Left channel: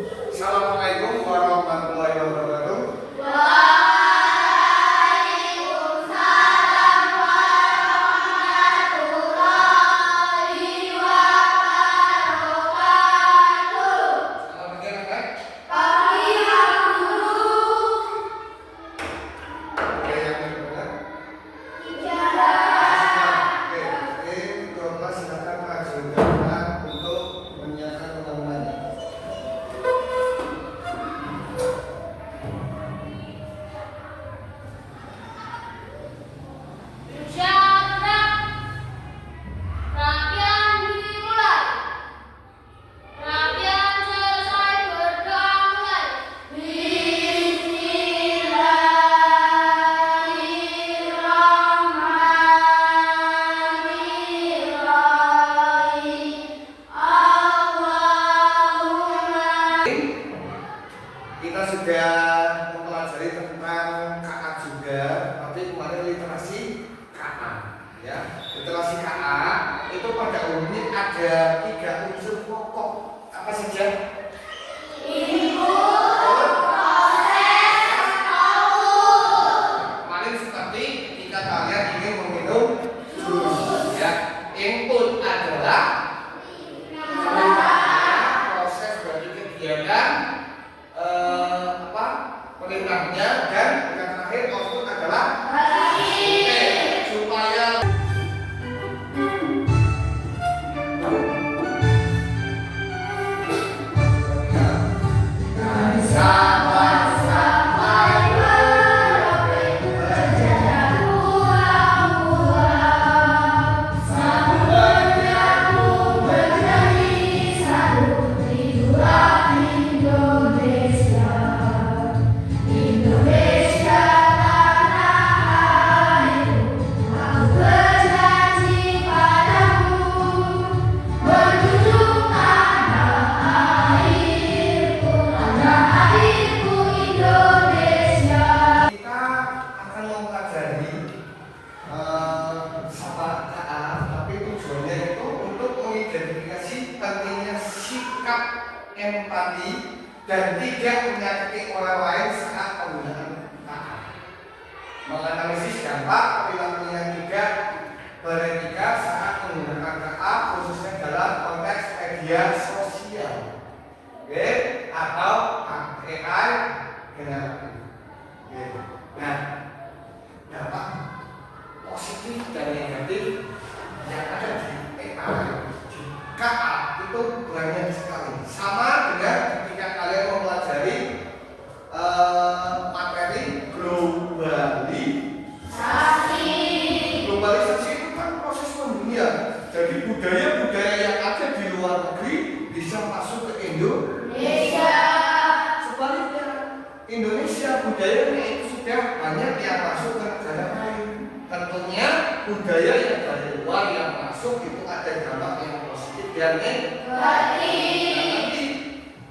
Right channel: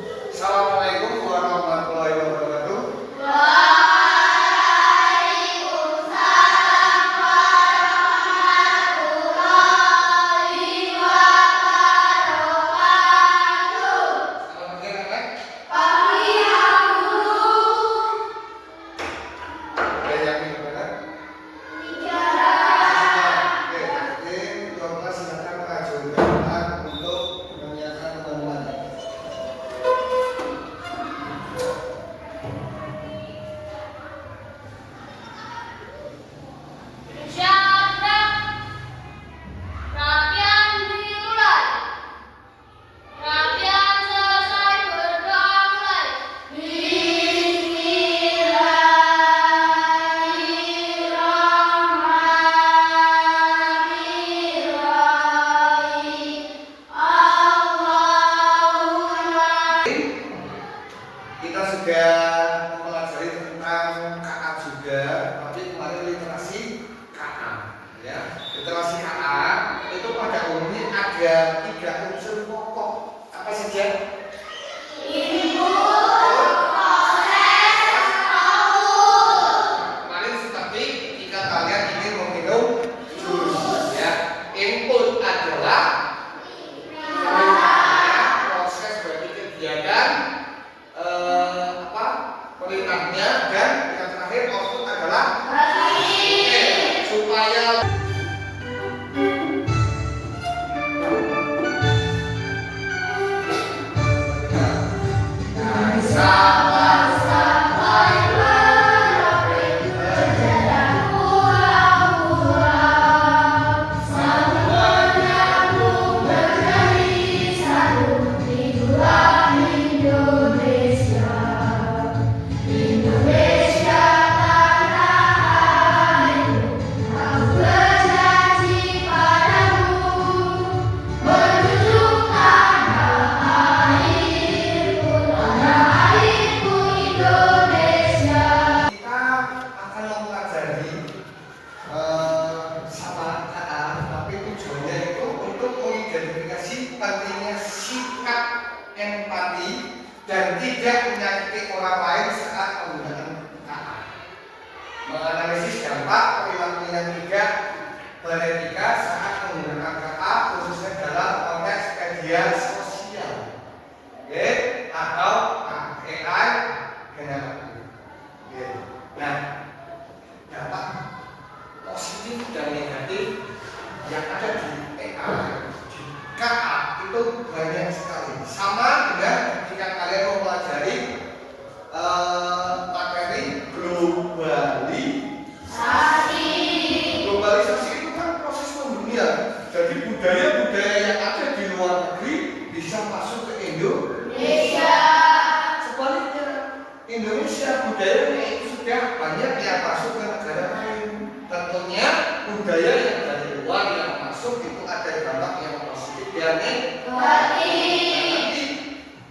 Assalamualaikum warahmatullahi wabarakatuh. Waalaikumsalam warahmatullahi wabarakatuh. Selamat pagi anak-anak. Pagi Pak Guru. Ada yang ingin bertanya? Oke, coba silakan ajukan tangan untuk menyiapkan teman-teman. Syarat rapian dimulai. Rapian selesai berdoa mulai. Bismillahirrahmanirrahim. Allahumma. Kita sudah mempelajari tentang KA juga, tapi kemarin literasi KA, ya. Literasi KA itu pada umumnya ada 3 unsur pokok. Apa saja? Input, proses, output. Kemarin seperti ketika kalian ingin meminum jus, ya. Input adalah perintahnya, proses bagi kegiatan perintahnya, dan yang terakhir output adalah supaya Sampai berapit berjalan pulang-pulang, satu menyambung menjadi satu itulah Indonesia. Indonesia tanah airku, aku berjanji padamu, menjunjung tanah airku Indonesia. kita akan mempelajari sapa KA, tapi tujuannya itu untuk mengidentifikasi pentingnya sikap empati dan tidak menyakiti orang lain saat penggunaan KA. Menganalisis dampak perilaku yang tidak beretika saat menggunakan KA, khususnya dalam konteks media sosial, oke, atau AI generatif. Oke. Nah, dampak positif dan negatif yang ada di AI, di KA itu banyak sekali. Sama dengan ketika kalian mempelajari materi globalisasi itu kan proses mendunia. Jadi budaya-budaya yang ada di luar negeri bisa masuk ke Indonesia. Sebaliknya, Indonesia budayanya itu sudah banyak yang masuk ke negara lain. Tentunya budaya yang dari luar yang masuk itu ada dampak yang positif dan negatif.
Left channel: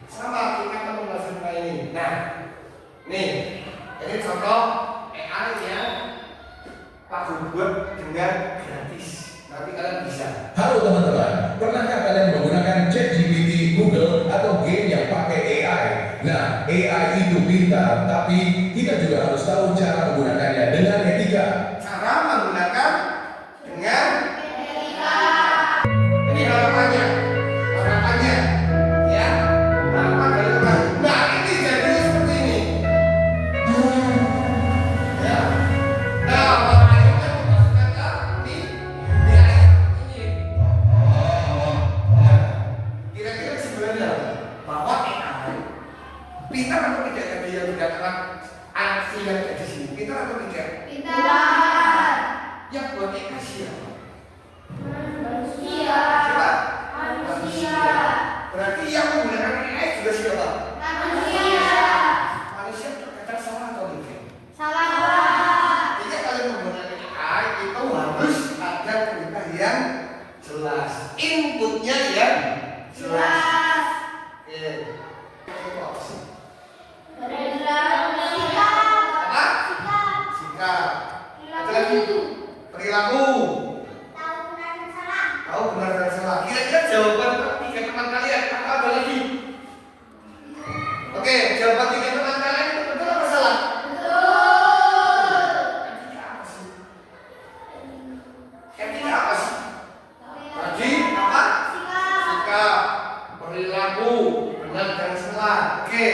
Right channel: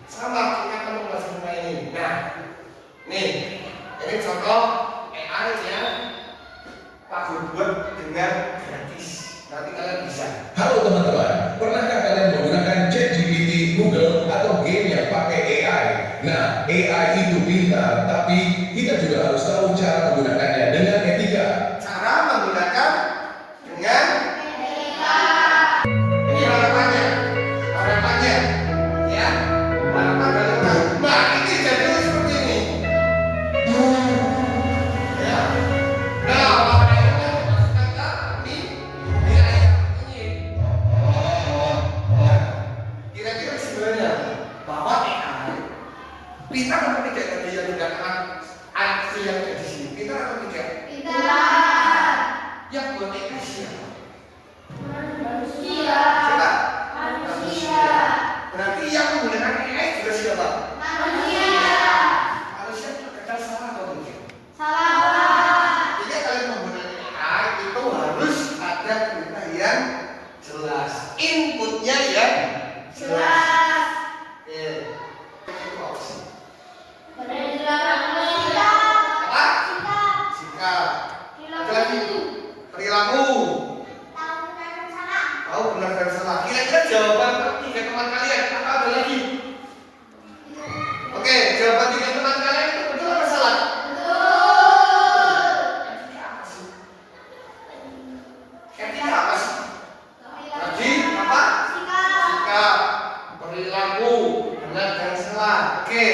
Sama kita akan membahas tentang ini. Nah, nih, ini contoh AI yang Pak Guru buat dengan gratis. Nanti kalian bisa. Halo teman-teman, pernahkah kalian menggunakan ChatGPT, Google, atau game yang pakai AI? Nah, AI itu pintar, tapi kita juga harus tahu cara menggunakannya dengan etika. Cara menggunakan dengan ini harapannya, ya, harapan dari kita. Nah, ini jadi seperti ini. Ya. Nah, makanya kita dimasukkan ke di ayat ini. Nah, kira-kira sebenarnya bahwa AI pintar atau tidak tadi yang dikatakan anak yang ada di sini, pintar atau tidak? Yang buat AI siapa? Siapa? Manusia. Berarti yang menggunakan AI juga siapa? Manusia. Manusia terkadang salah atau tidak? Salah. Jadi kalian menggunakan AI itu harus ada perintah yang jelas, inputnya yang jelas. Oke. Itu apa sih? Apa? Sikap. Ada lagi? Perilaku. Tahu benar dan salah. Kira-kira jawaban ketiga teman kalian atau ada lagi? benar dan salah. Oke,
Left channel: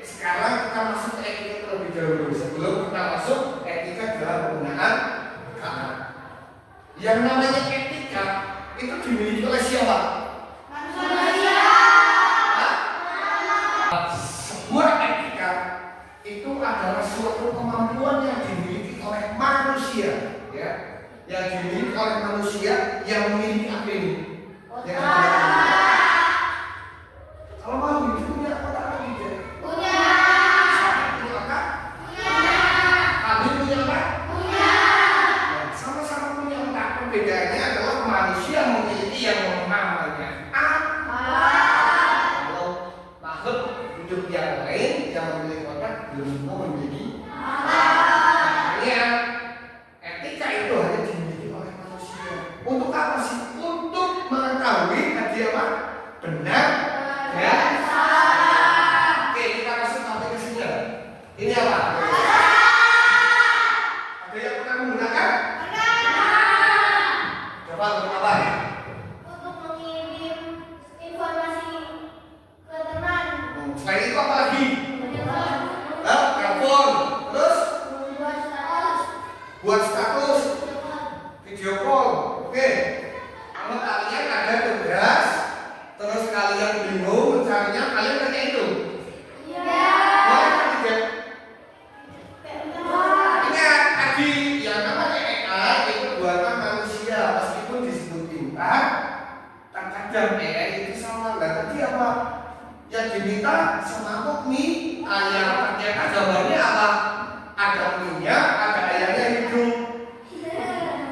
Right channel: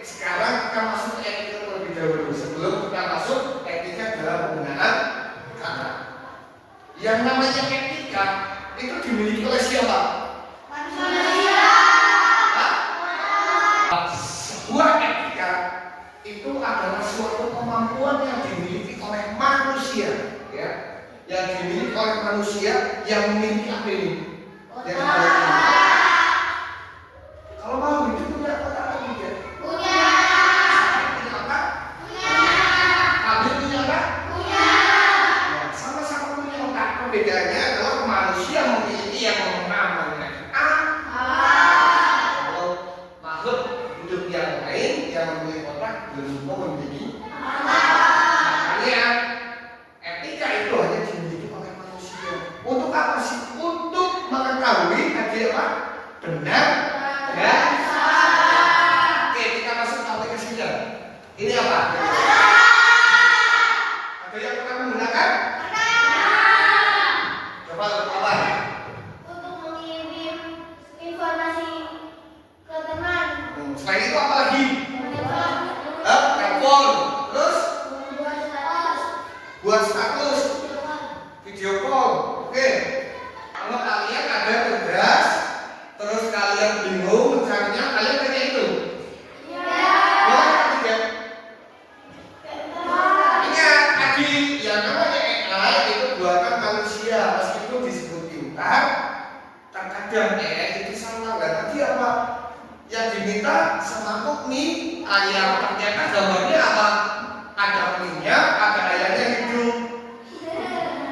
sekarang kita masuk ke etika terlebih dahulu sebelum kita masuk etika dalam penggunaan kata. Yang namanya etika itu dimiliki oleh siapa? Manusia. Sebuah etika itu adalah suatu kemampuan yang dimiliki oleh manusia, ya, yang dimiliki oleh manusia yang memiliki apa ini? Yang kalau mau hidup punya otak atau tidak? Punya. Punya otak? Punya. Kalian punya otak? Punya. Ya, sama-sama punya otak. Perbedaannya adalah manusia memiliki yang namanya kalau makhluk hidup yang lain yang memiliki otak belum tentu memiliki. Makanya etika itu hanya dimiliki oleh manusia. Untuk apa sih? Untuk mengetahui tadi apa? Benar ya. Oke, kita masuk ke aplikasinya. Ini apa? Ada yang pernah menggunakan? Coba untuk apa? Untuk mengirim informasi ke teman. Selain itu apa lagi? Menyebar. Telepon. Terus Membuat status. buat status, video call. Oke. Kalau kalian ada tugas, terus kalian bingung mencarinya, kalian tanya itu. Iya. Boleh atau tidak? Betul. Ingat, tadi yang namanya AI itu buatan manusia, meskipun disebut pintar, terkadang AI itu salah. Lah tadi apa? Yang diminta semamuk nih ayam, ternyata gambarnya apa? Ada minyak, ada ayamnya hidup.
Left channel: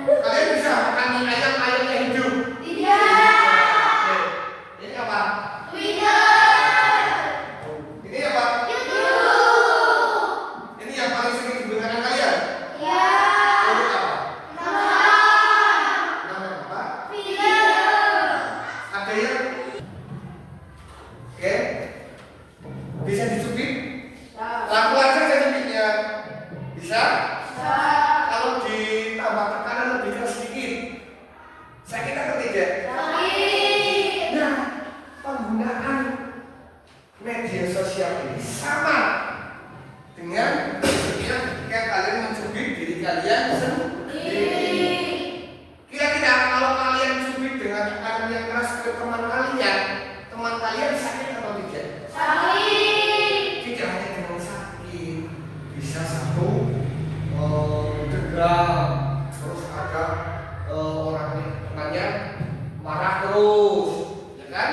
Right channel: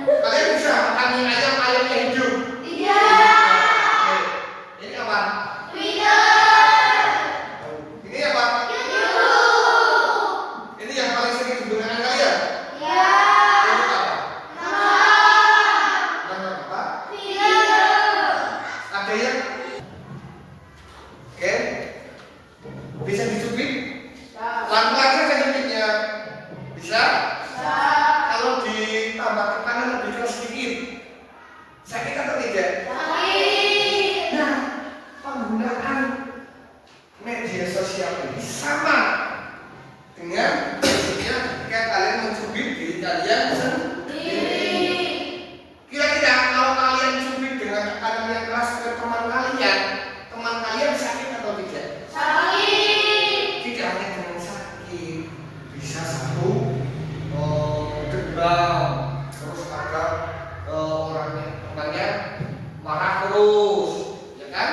Kalian bisa makan mie ayam, ayamnya hidup. Iya. Oke. Ini apa? Twitter. Ini apa? YouTube. Ini yang paling sering digunakan kalian. Iya. Untuk apa? Nama. Nama apa? Video. Ada yang? Oke. Bisa dicubit? Langsung aja saya cubitnya. Bisa? Kalau ditambah tekanan lebih keras sedikit, sakit atau tidak? Sakit. Nah, penggunaan media sosial ini sama dengan prinsipnya ketika kalian mencubit diri kalian sendiri. Kira-kira kalau kalian cubit dengan tekanan yang keras ke teman kalian sakit atau tidak? Sakit. Tidak hanya dengan sakit, bisa satu dendam, terus ada orangnya temannya marah terus, ya kan?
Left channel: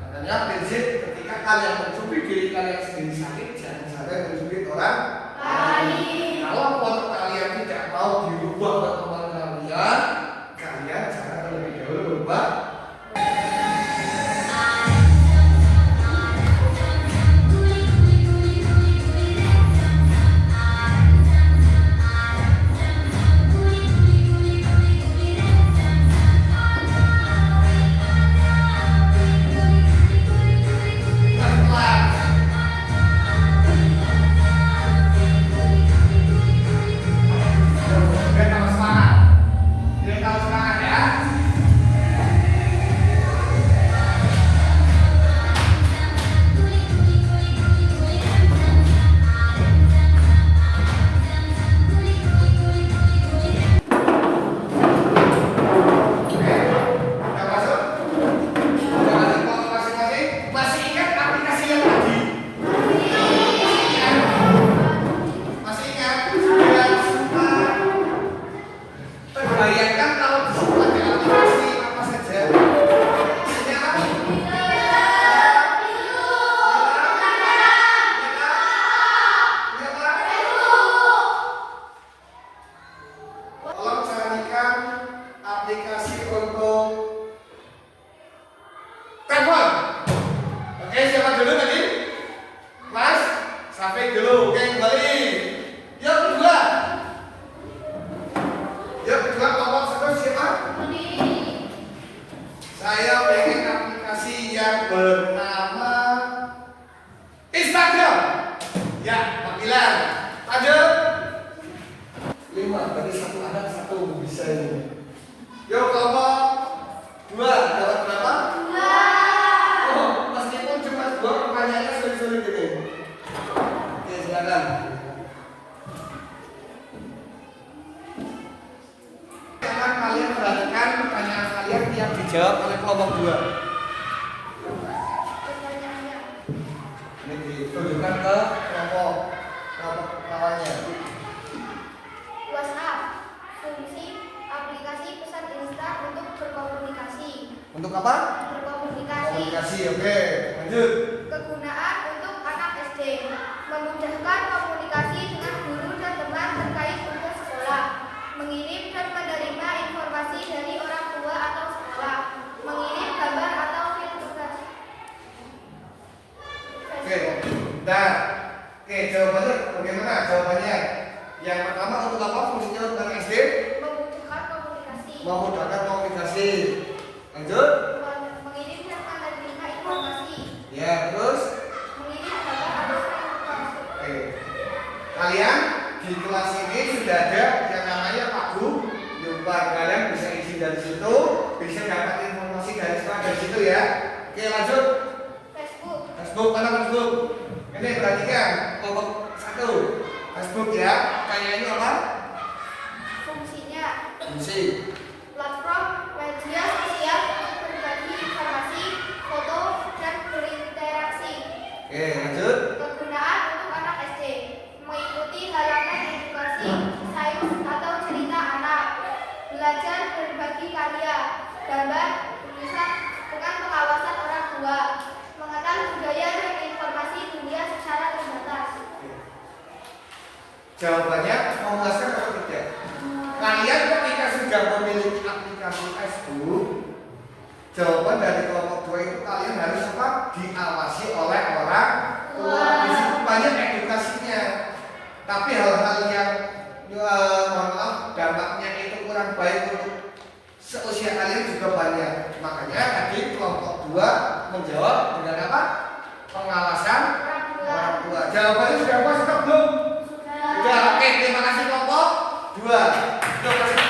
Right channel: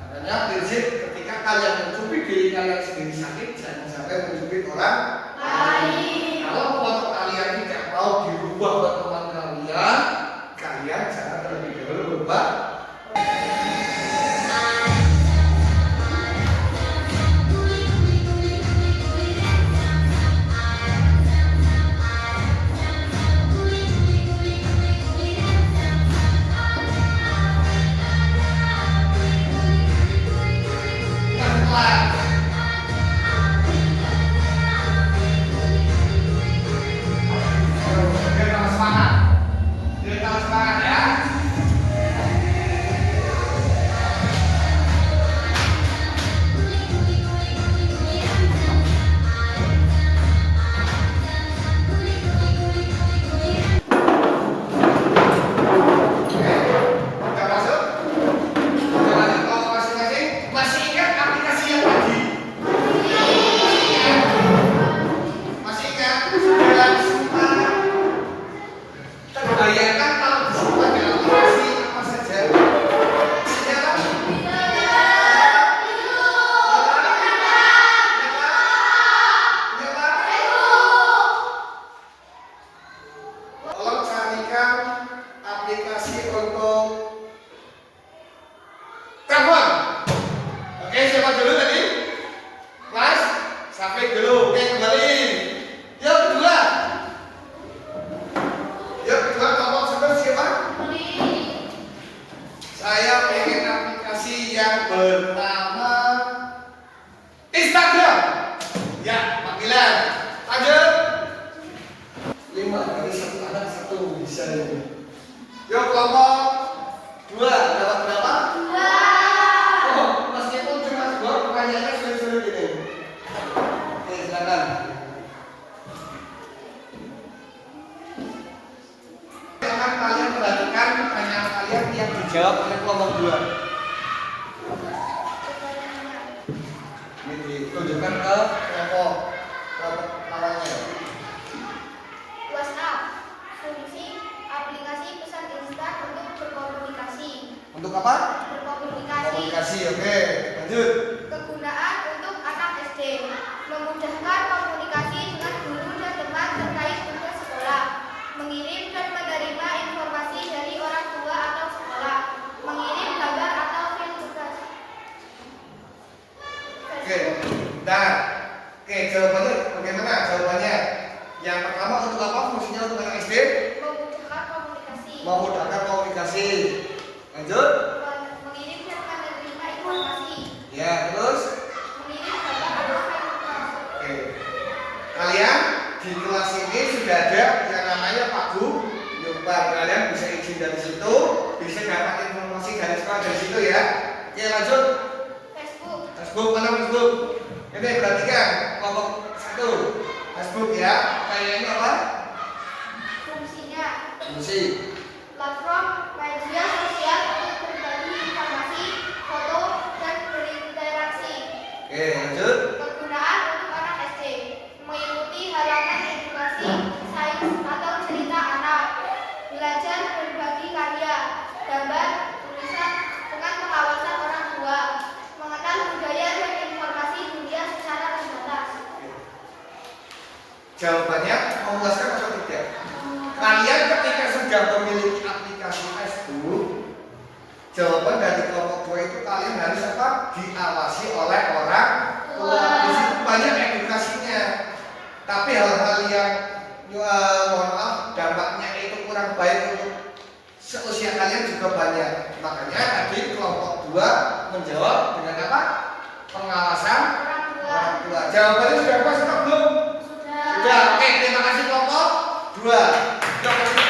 Makanya prinsip ketika kalian mencubit diri kalian sendiri sakit, jangan sampai mencubit orang lain. Kalau foto kalian tidak mau dirubah buat teman kalian jangan terlebih dahulu berubah. Sampai dulu, oke kembali. Yang kedua, kelompok satu siapa? Saya pengen aplikasi yang bernama Instagram. Ya, Pak Bilan. Lanjut. 5, dari satu anak satu bisa ini. Yuk kelompok 2, dapat berapa? 2. Oh, meskipun cuma 2, pertanyaannya sulit-sulit ini. Oke, silakan. Akan kalian perhatikan pertanyaan kalian yang dijawab oleh kelompok 2. Ini ditunjukkan ke kelompok lawannya. WhatsApp, fungsi aplikasi pesan instan untuk berkomunikasi. Untuk apa? Berkomunikasi. Komunikasi, oke. Lanjut. Kegunaan untuk anak SD, memudahkan komunikasi dengan guru dan teman terkait tugas sekolah, mengirim dan menerima informasi dari orang tua atau sekolah, mengirim gambar atau film tugas. Oke. Nah, oke, jawabannya bagaimana? Jawabannya yang pertama untuk apa fungsinya untuk anak SD? Memudahkan komunikasi. Memudahkan komunikasi. Lanjut. Mengirim dan menerima informasi. Ya, terus. Mengirim gambar atau film tugas. Oke. Kalian di kelas ini sudah ada yang namanya Pak Bu. Lupa kalian bisa izin dari situ, bisa dapat informasi dari situ ya. Oke, lanjut. Facebook. Facebook, mana Facebook? Ini perhatikan kelompok 1. Facebook ya. Kayak ini apa? Fungsinya Fungsi. platform media sosial untuk berbagi informasi, foto, dan berinteraksi. Oke, lanjut. Kegunaan untuk anak SD, mengikuti halaman edukasi, sains, atau cerita anak, belajar berbagi karya, gambar, tulisan dengan pengawasan orang tua, mengenal budaya dan informasi dunia secara terbatas. Jawabannya memuaskan atau tidak? Kalian ketika sudah memiliki aplikasi Facebook, jawaban dari kelompok 2 itu kalian harus apa? Diawasi oleh orang tua. Di situ banyak edukasinya. Tapi hal-hal yang mohon maaf dampaknya itu kurang baik untuk seusia kalian juga banyak. Makanya tadi kelompok 2 menjawab dengan apa? Pengawasan orang tua. Jawabannya sudah pas atau belum? Sudah. Oke, terima kasih kelompok 2. Kelompok 1.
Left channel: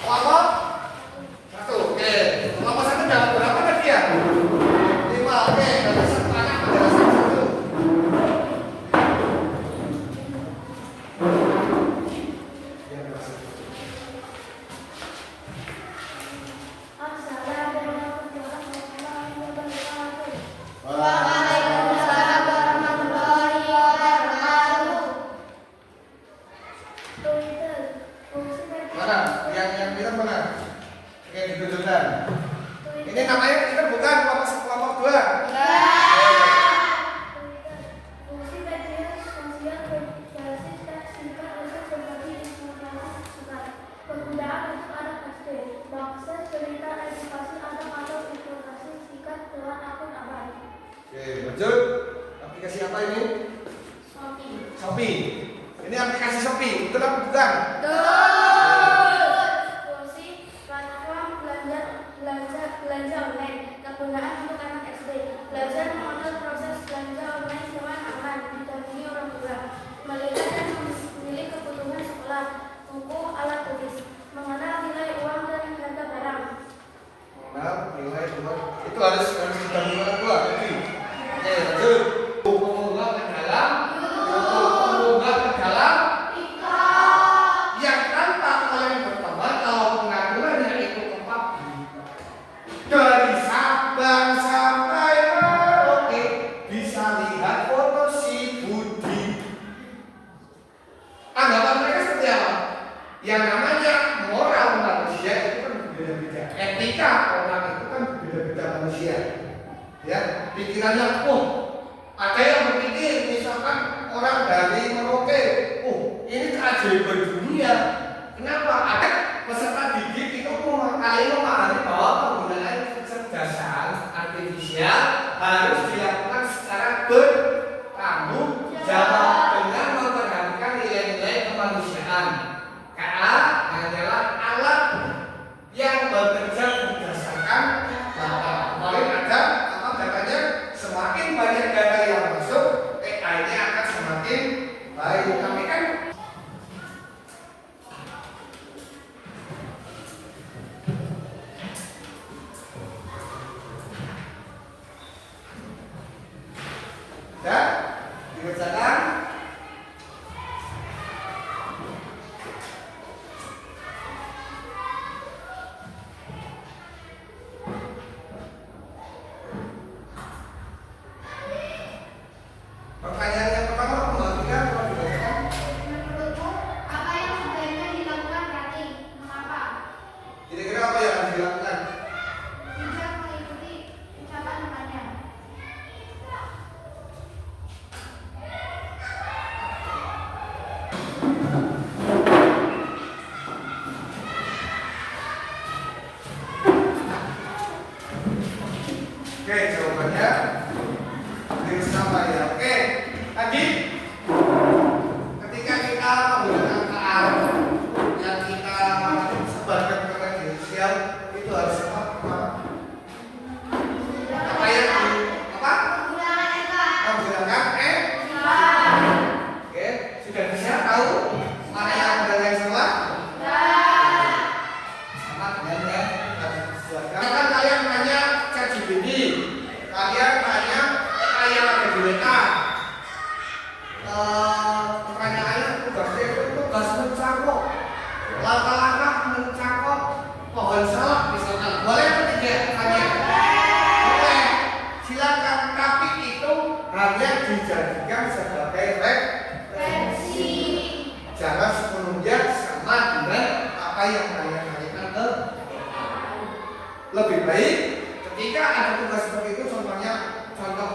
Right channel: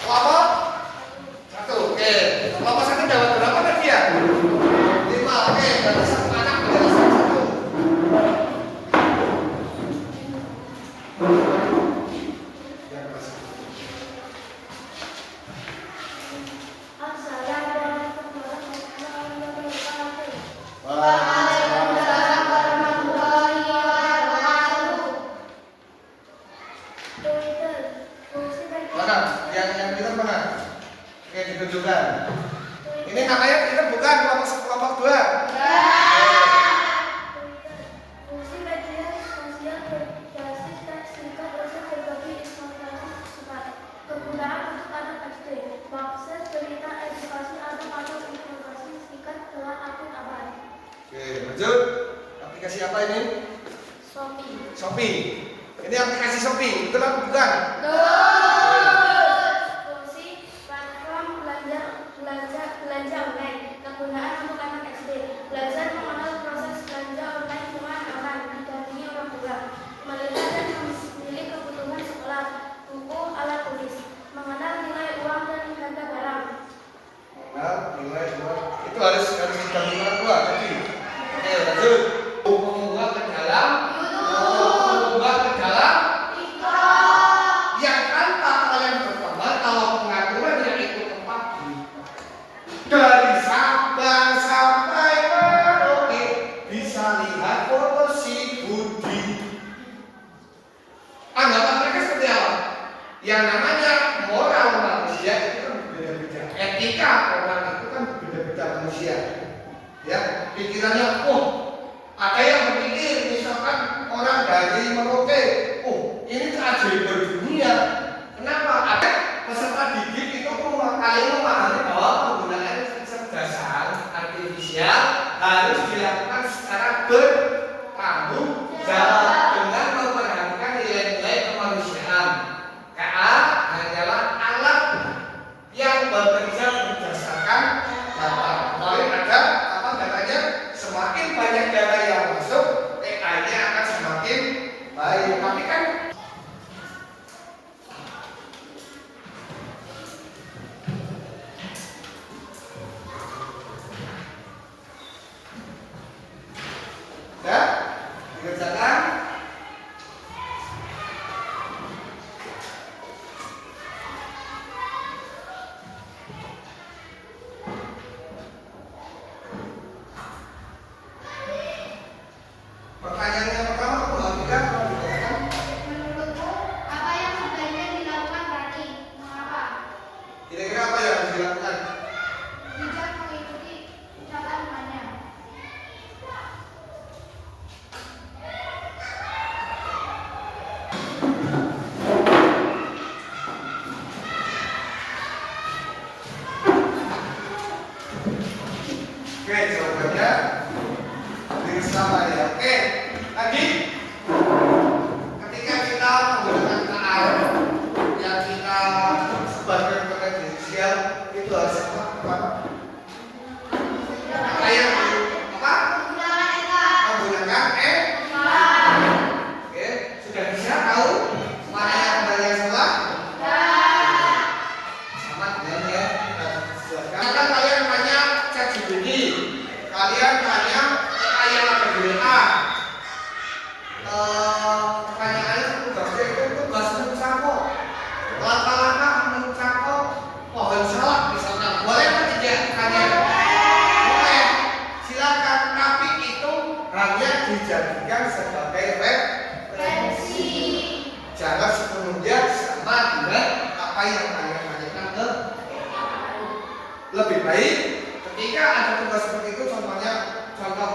Kelompok 1. Oke. Kelompok 1 jawab berapa tadi ya? 5. Oke, berarti satu anak adalah 1. Assalamualaikum warahmatullahi wabarakatuh. Wah. Waalaikumsalam warahmatullahi wabarakatuh. Twitter, fungsi media Mana? sosial. Yang Twitter mana? Oke, ditunjukkan. Ini namanya Twitter bukan kelompok 2. Twitter, fungsi media sosial berbasis teks singkat untuk berbagi informasi cepat. Kegunaan untuk anak SD, mengakses berita edukasi anak atau informasi singkat lewat akun aman. Oke, lanjut. Aplikasi apa ini? Shopee. Shopee. Ini aplikasi Shopee. Betul atau bukan? Fungsi platform belanja online. Kegunaan untuk anak SD, belajar mengenal proses belanja online dengan aman, didampingi orang tua, melihat dan memilih kebutuhan sekolah, buku, alat tulis, mengenal nilai uang dan harga barang. Nah, nilai 2. Itu harus dibantu orang tua. Jadi, oke, lanjut. Mengunggah ke dalam. Mengunggah ke dalam. Yang tanpa kalian berteman kalau pengaturannya itu tepat dari Sabang sampai Merauke bisa lihat foto si Budi. Anggapan mereka seperti apa? Yang namanya moral manusia itu kan berbeda-beda. Etika orang itu kan berbeda-beda manusia. Ya, pikirannya, ada yang berpikir misalkan orang dari Merauke, ini keajaiban dunia. Kenapa? Ada peserta didik itu kalian memahami bahwa penggunaan kecerdasan artifisial harus dilakukan secara bertanggung jawab dengan memperhatikan nilai-nilai kemanusiaan. KA hanyalah alat yang bekerja berdasarkan data. Kemarin ada apa datanya? Semakin banyak data yang masuk, AI-nya akan semakin baik. Tapi kan Dikerjakan. Pertanyaan yang pertama, membagikan kalau dikerjakan. Menurutku, apa yang sebaiknya dilakukan berarti? Mengapa? Kira-kira apa yang harus dilakukan? Bijak mengikuti catatannya. Oke, jawabannya dengan sama ya. Oke, lagi. Ketika kita menggunakan KA yang kita sebarkan kepada media sosial, itu harus apa? Apa yang apa? Menggunakan Oke, sudah bisa tahu mana yang benar yang salah? Sama dengan ya. Sekarang kalian tanya ChatGPT, kalian tanya AI yang ada di WA. Pertanyaannya tugasnya itu tugas mencangkok langkah-langkah mencangkok pohon salak misalkan, boleh atau tidak? Tanya boleh, silakan, tapi itu hanya dijadikan sebagai referensi, jangan sepenuhnya sama dengan apa yang kalian tanyakan ke lebih baik ketika ada tugas seperti itu, contohnya contoh